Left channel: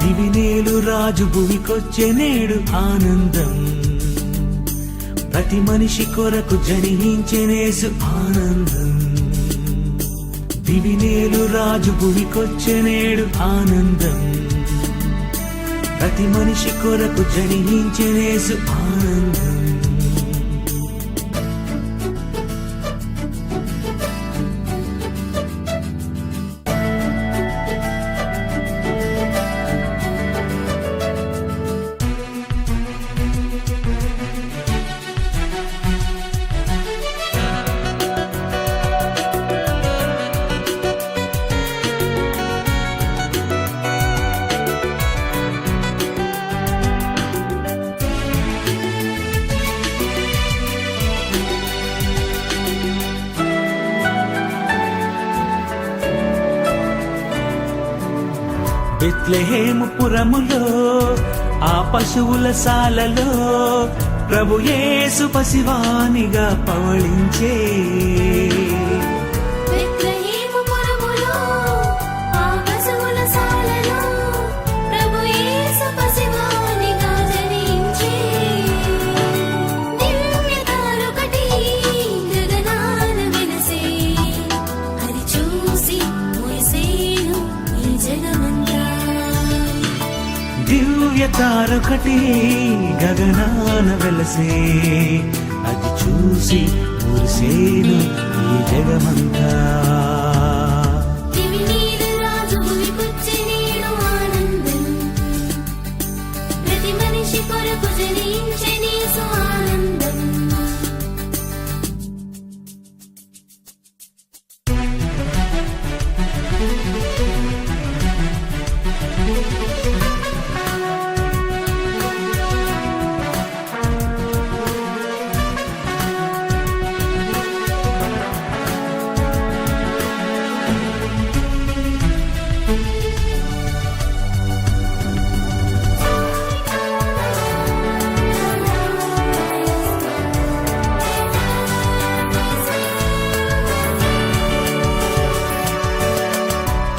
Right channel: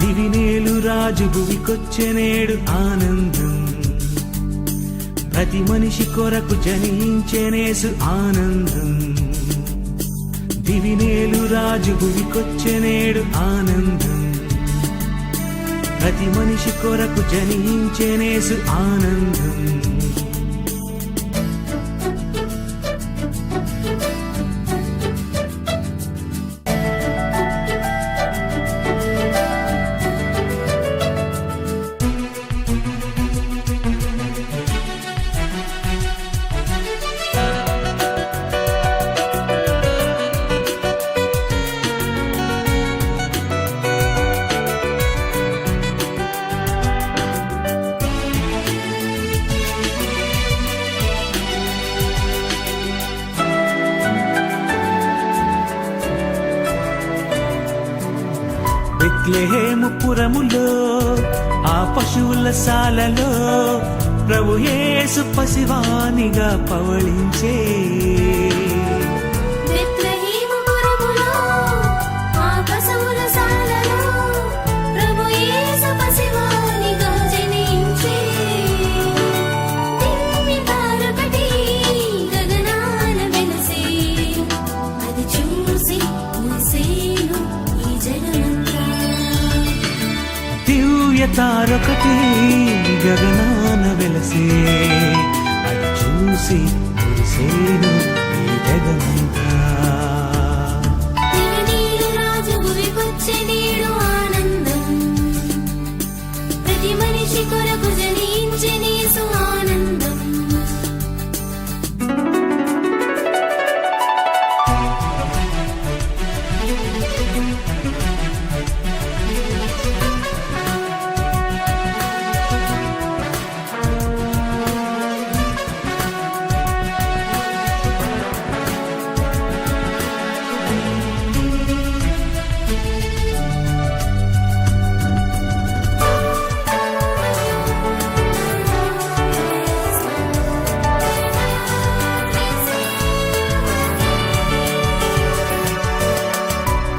దివినేలు రాజు భూమికొచ్చెనేడు ఆనందం, ప్రతి మనిషి కొరకు జనించెనేసు ఆనందం. దివినేలు రాజు భూమికొచ్చెనేడు ఆనందం, ప్రతి మనిషి కొరకు జనించెనేసు ఆనందం. బెత్లెహేము పురములో ఆ పశువుల సాలలో ప్రభు యేసు పసివానిగా పవళించే. దివ్య తారొకటి గగనాన వెలసే, అది చూసి మురిసేను ఈ జగమంతా.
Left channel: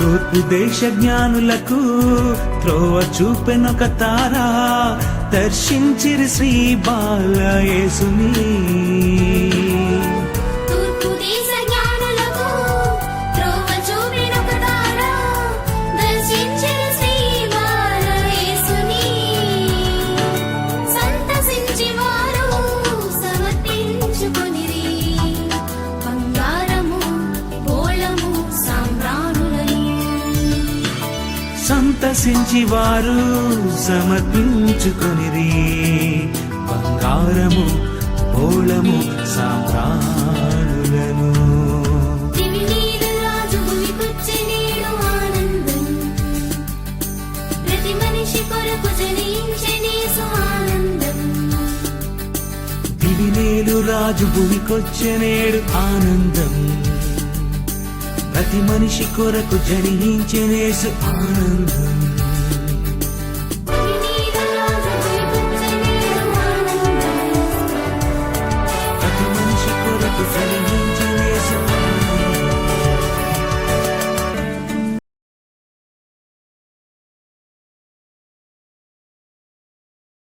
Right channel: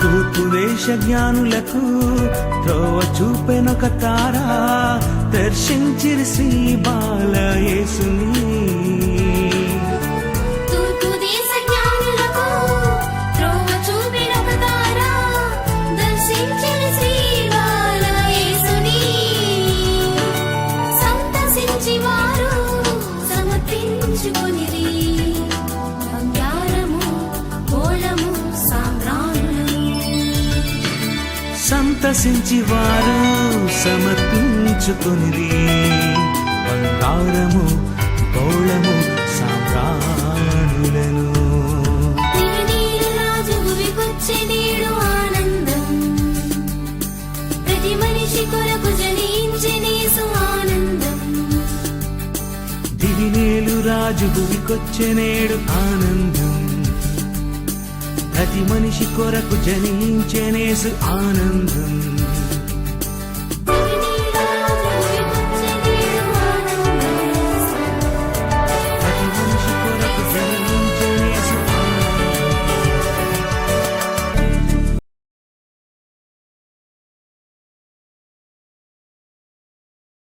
తూర్పు దేశ జ్ఞానులకు త్రోవ చూపెనొక తారా, దర్శించిన శ్రీ బాల యేసుని. సంతసించి వారు సమర్పించుకొనిరి, బంగారము గోళము సాంబ్రాణులను. దివినేలు రాజు భూమికొచ్చెనేడు ఆనందం, ప్రతి మనిషి కొరకు జనించెనేసు ఆనందం.